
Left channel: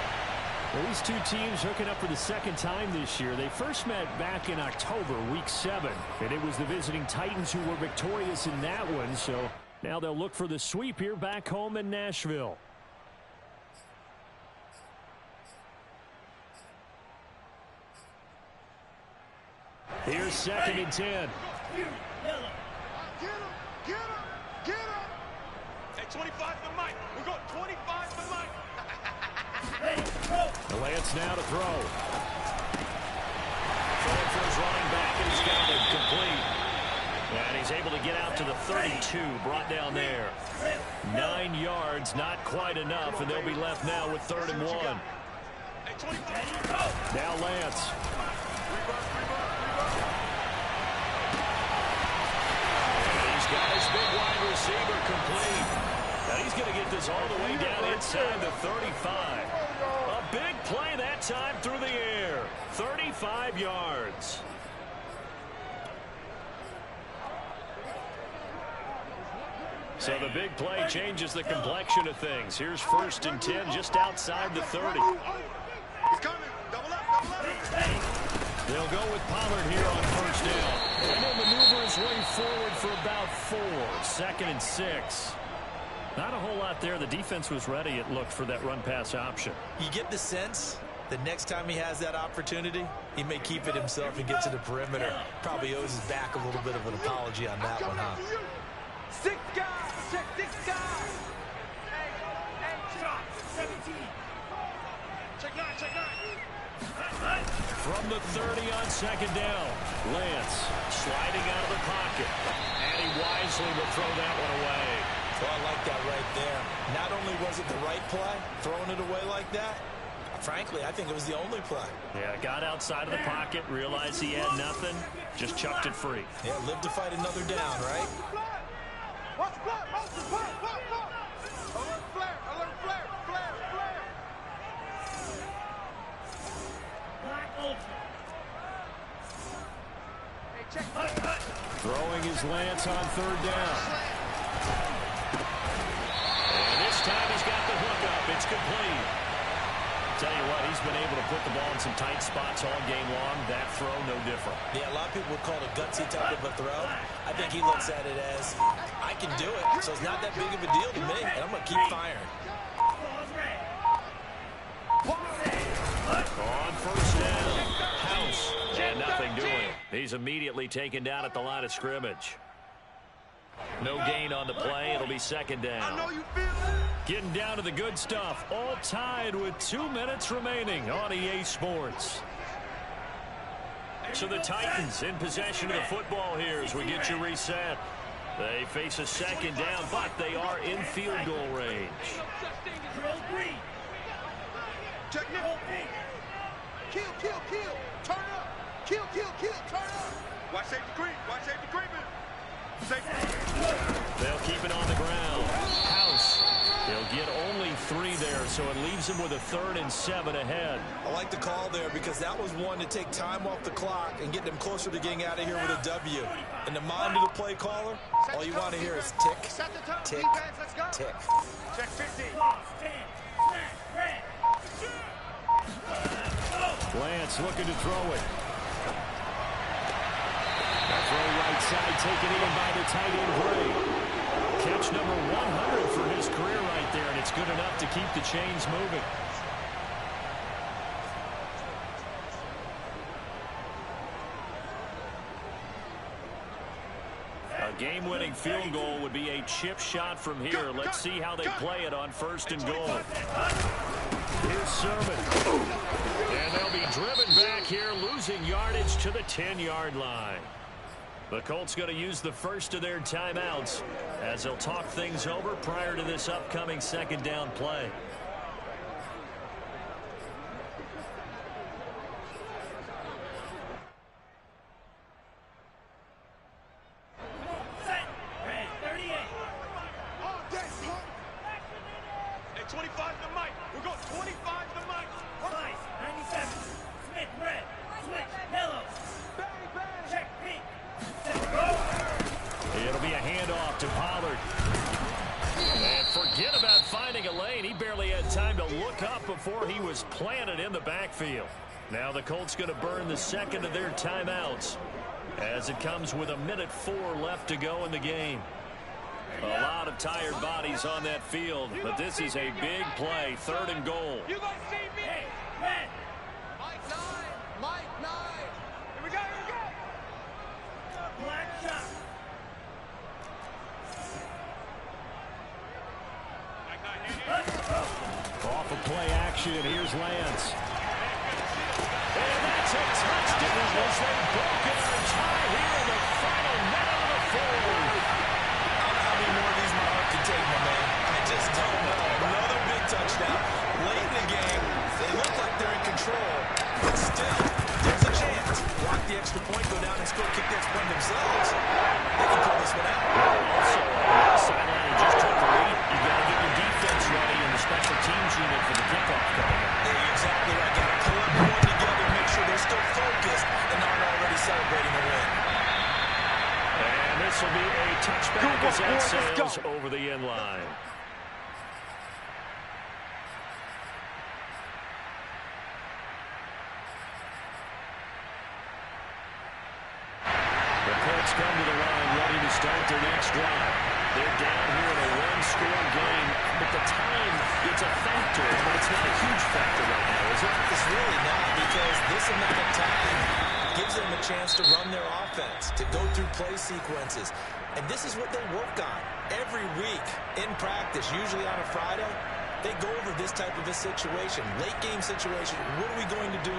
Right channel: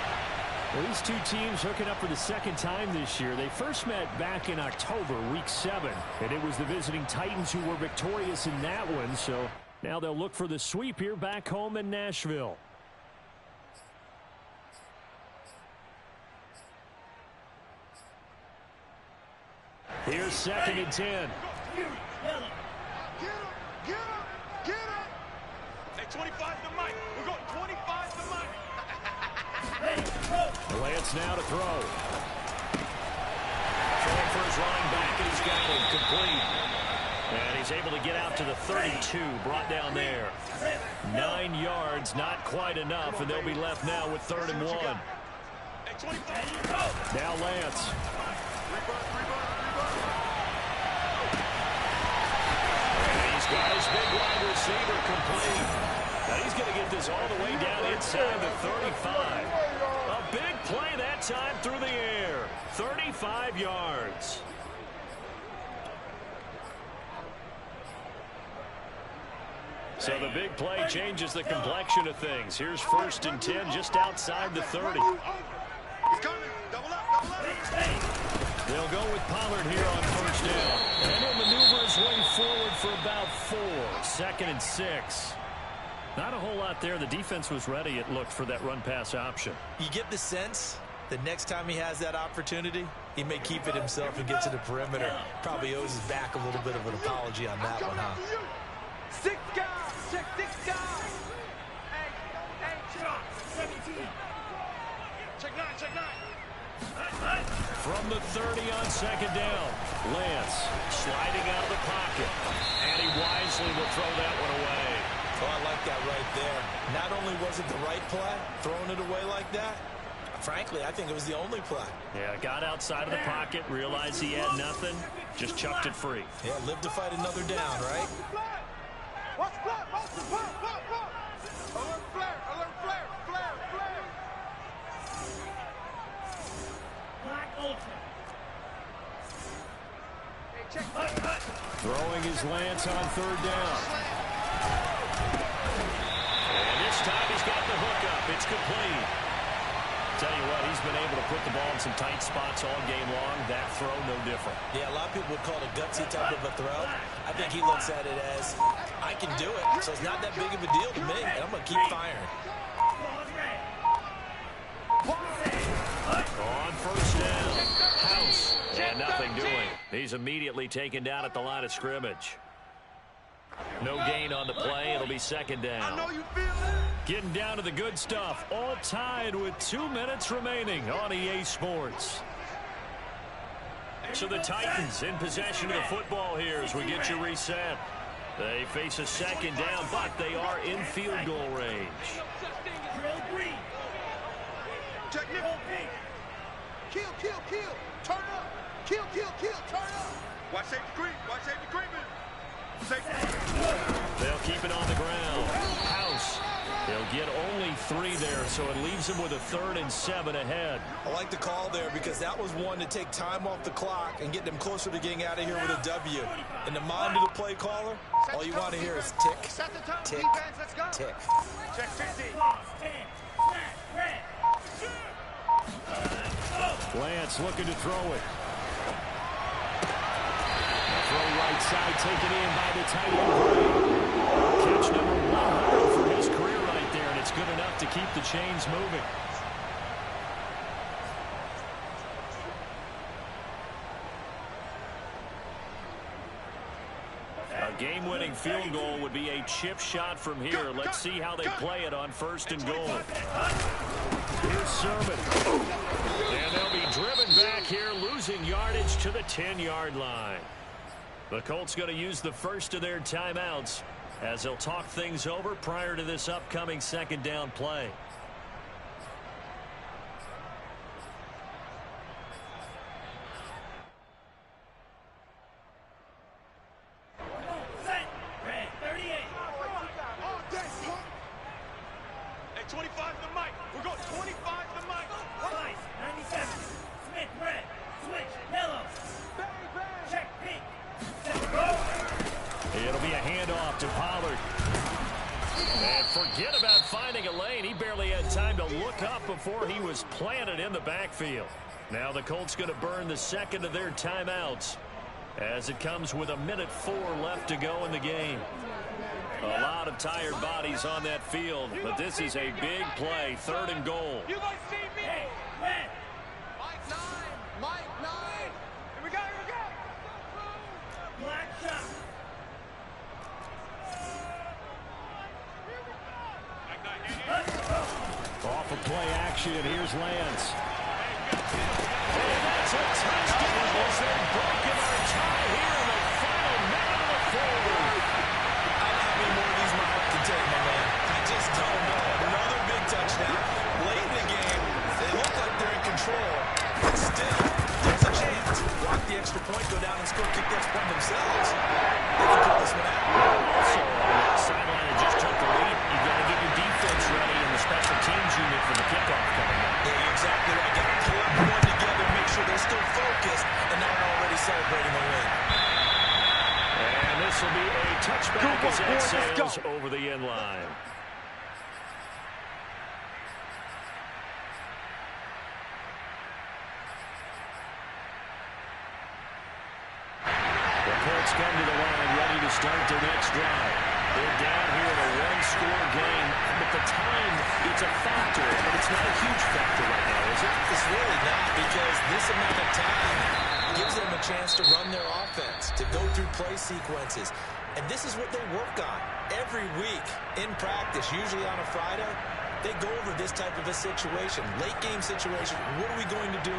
Well, these two teams hooking up for the second time this year. They first met back in October, week 7. And it was the visiting Titans who were victorious in that one. So now they'll look for the sweep here back home in Nashville. Here's 2nd and 10. Get him! Get him! Hey, 25 to Mike. We're going 25 to Mike. Lance now to throw. Throwing for his running back, and he's got him complete. And he's able to get out to the 32, brought down there. 9 yards, not quite enough, and they'll be left now with 3rd and 1. Now Lance. And he's got his big wide receiver complete. And he's going to get this all the way down inside the 35. A big play that time through the air. 35 yards. So the big play changes the complexion of things. Here's 1st and 10 just outside the 30. He's coming. Double up, double up. They'll go with Pollard here on 1st down. And he'll maneuver his way forward for about 4. 2nd and 6. Not a whole lot there. The defense was ready, it looked, for that run-pass option. You get the sense that next time he has that opportunity, he may keep it himself and get to the perimeter. Probably owes his back a little bit of an apology on that one, huh? 6 guys. Check 6 guys. Hey, shot. 17. Check 9, check 9. From the 30 on 2nd down, Lance sliding out of the pocket. And he wisely will throw that one away. Oh, I like that right there. Not only was it the right play, throwing it away like that, frankly, I think it was the only play. Yeah, got outside of the pocket, realized he had nothing, just chucked it free. Yeah, live to fight another down, right? Watch the flat, motion, flat. Alert flare, flare. Black Ultra. Hey, check. Throwing his Lance on 3rd down. And this time he's got the hook up. It's complete. Tell you what, he's been able to put the ball in some tight spots all game long. That throw, no different. Yeah, a lot of people would call it a gutsy type of a throw. I think he looks at it as, I can do it, so it's not that big of a deal to me, and I'm going to keep firing. On 1st down, House, and nothing doing. He's immediately taken down at the line of scrimmage. No gain on the play. It'll be 2nd down. I know you feel it. Getting down to the good stuff. All tied with 2 minutes remaining on EA Sports. So the Titans in possession of the football here as we get you reset. They face a 2nd down, but they are in field goal range. Drill green. Check Roll pink. Kill. Turn up. Kill. Turn up. Watch safety creep. Watch safety creeping. Safety. They'll keep it on the ground. House He'll get only 3 there, so it leaves him with a 3rd and 7 ahead. I like the call there because that was one to take time off the clock and get them closer to getting out of here with a W. In the mind of the play caller, all you want to hear is tick, tick, tick. Check 50. Lance looking to throw it. A throw right side taken in by the tight end Gray. Catch number 100 for his career right there, and it's good enough to keep the chains moving. A game-winning field goal would be a chip shot from here. Let's see how they play it on 1st and goal. Here's Sermon. And they'll be driven back here, losing yardage to the 10-yard line. The Colts going to use the first of their timeouts as they'll talk things over prior to this upcoming 2nd down play. Hey, 25 to the mic. We're going 25 to the mic. Slice, 97. Smith, red. Switch, yellow. Bang, bang. Check, pink. Set, go. It'll be a handoff to Pollard. And forget about finding a lane. He barely had time to look up before he was planted in the backfield. Now the Colts going to burn the 2nd of their timeouts as it comes with 1:04 left to go in the game. A lot of tired bodies on that field, but this is a big play, 3rd and goal. You guys see me? Hey, red. Mike 9. Mike 9. Here we go, here we go. Black shot. Mike 9, here. Off of play action, here's Lance. And that's a touchdown as they've broken our tie here in the final minute of the 4th. I don't know how many more of these my heart can take, my man. I just don't know. Another big touchdown. Late in the game, they look like they're in control, but still, there's a chance. Block the extra point, go down and score, kick the extra point themselves. They can pull this one out. Also, on the sideline and just took the lead. You got to get your defense ready in the special teams unit for the kickoff coming up. Yeah, you're exactly right. Got to pull everyone together, make sure they're still focused and aren't already celebrating the win. And this will be a touchback as that sails over the end line. The Colts come to the line ready to start their next drive. They're down here in a 1-score game, but the time, it's a factor, but it's not a huge factor right now, is it? It's really not, because this amount of time gives them a chance to run their offense, to go through play sequences. And this is what they work on every week in practice, usually on a Friday. They go over this type of a situation, late game situation. What are we going to do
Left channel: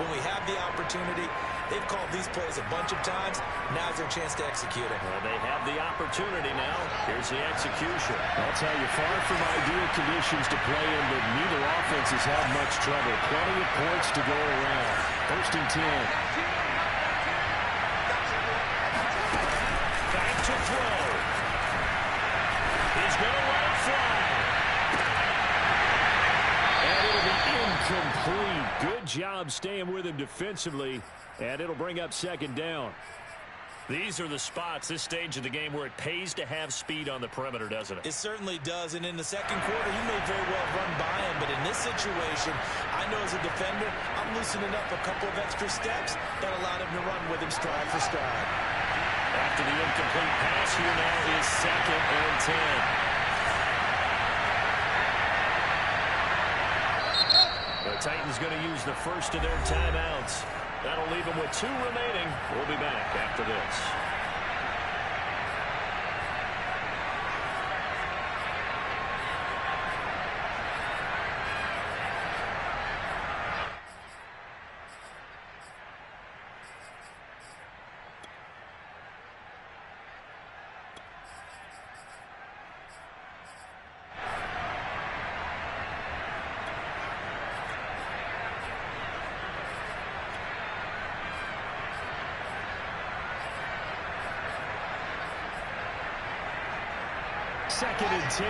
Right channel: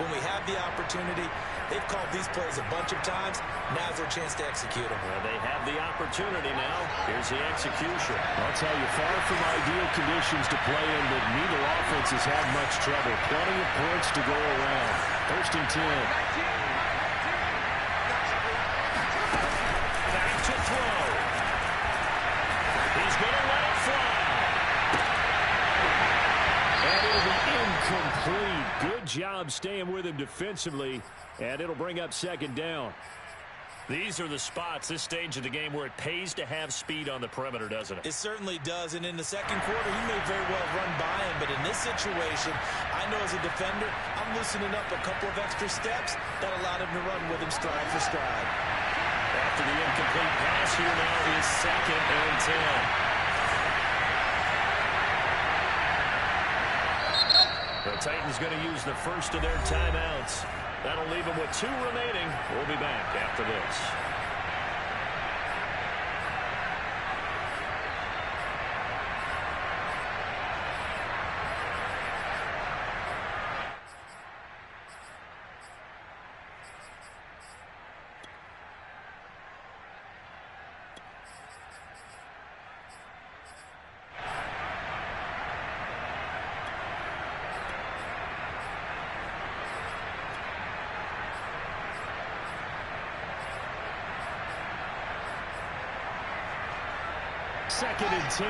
when we have the opportunity? They've called these plays a bunch of times. Now's their chance to execute them. Well, they have the opportunity now. Here's the execution. I'll tell you, far from ideal conditions to play in, but neither offense has had much trouble. Plenty of points to go around. 1st and 10. Back to throw. He's going to let it fly. And it'll be incomplete. Good job staying with him defensively, and it'll bring up 2nd down. These are the spots, this stage of the game, where it pays to have speed on the perimeter, doesn't it? It certainly does, and in the 2nd quarter, he may very well run by him, but in this situation, I know as a defender, I'm loosening up a couple of extra steps that allowed him to run with him stride for stride. After the incomplete pass, here now is 2nd and 10. The Titans going to use the first of their timeouts. That'll leave them with 2 remaining. We'll be back after this. Second and 10.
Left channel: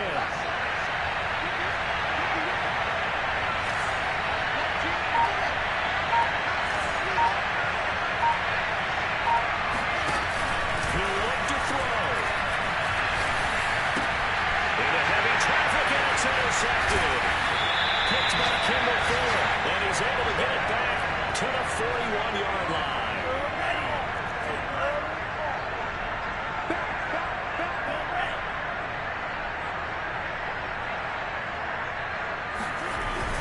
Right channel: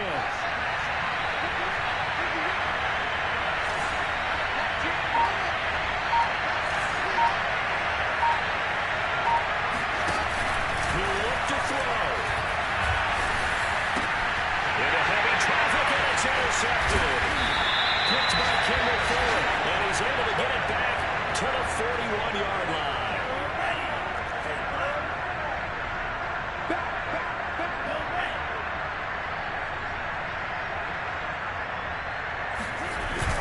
to the 41-yard line. Ready. Stand by. Go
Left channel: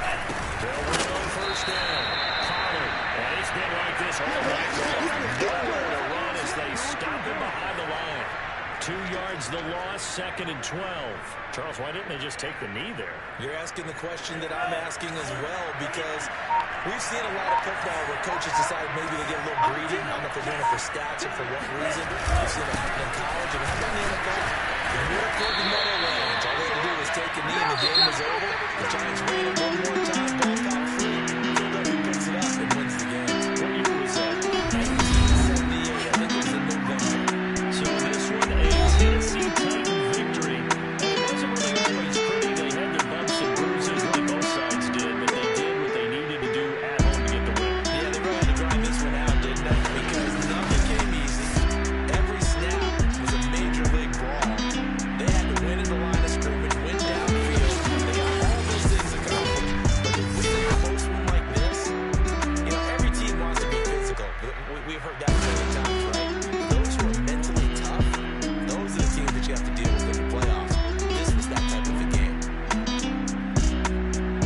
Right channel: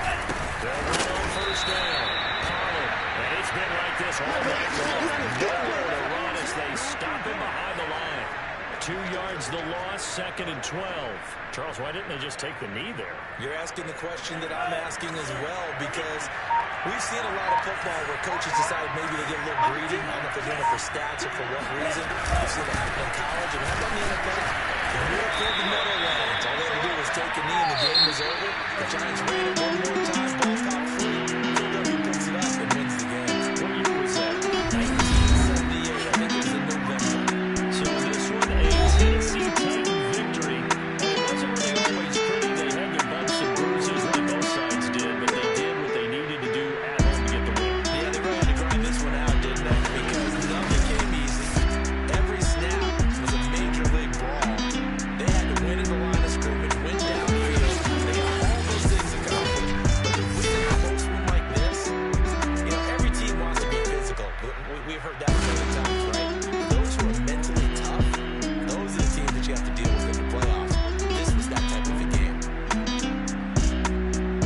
red. They'll run on first down. Pollard. And it's been like this all night long. Nowhere to run as they stop him behind the line. 2 yards the loss, 2nd and 12. Charles, why didn't they just take the knee there? You're asking the question that I'm asking as well, because we've seen a lot of football where coaches decide maybe they get a little greedy. I don't know if they're doing it for stats or for what reason. We've seen it happen in college, and how about in the NFL? You're near toward the Meadowlands. All they had to do was take a knee, and the game was over. The Giants ran it one more time, ball caught free. Philadelphia picks it up and wins the game. What year was that? 1978. I think it was in November. So this one, a Tennessee Titan victory. And it wasn't really always pretty. They had their bumps and bruises. Really, both sides did. But they did what they needed to do at home to get the win. Yeah, they really had to grind this one out, didn't they? Because nothing came easy. Every snap was a major league brawl. They had to win in the line of scrimmage, win downfield. They got all those things accomplished. But to win a close one like this, you know, every team wants to be physical. We've heard that many times, right? Those who are mentally tough, those are the teams that you have to deal with in the playoffs. This was that type of a game.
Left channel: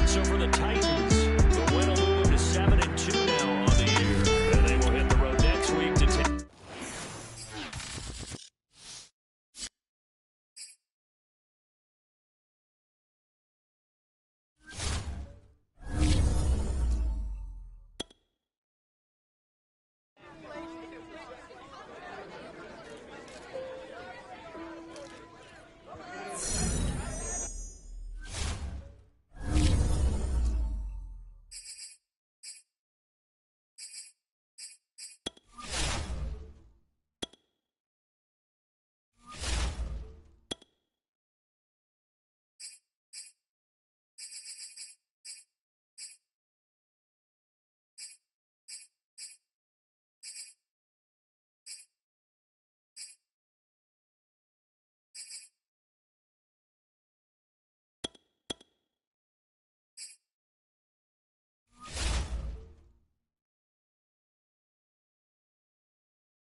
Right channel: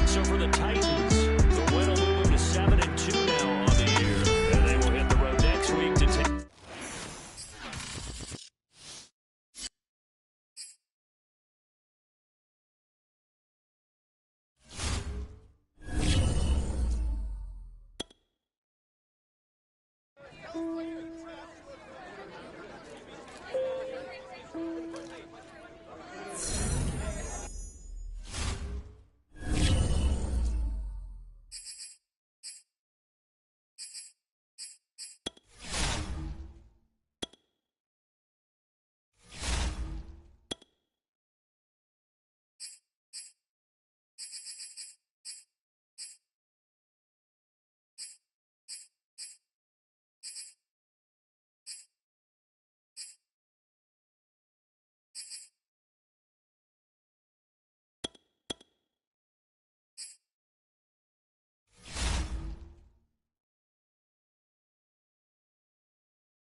So for the Titans,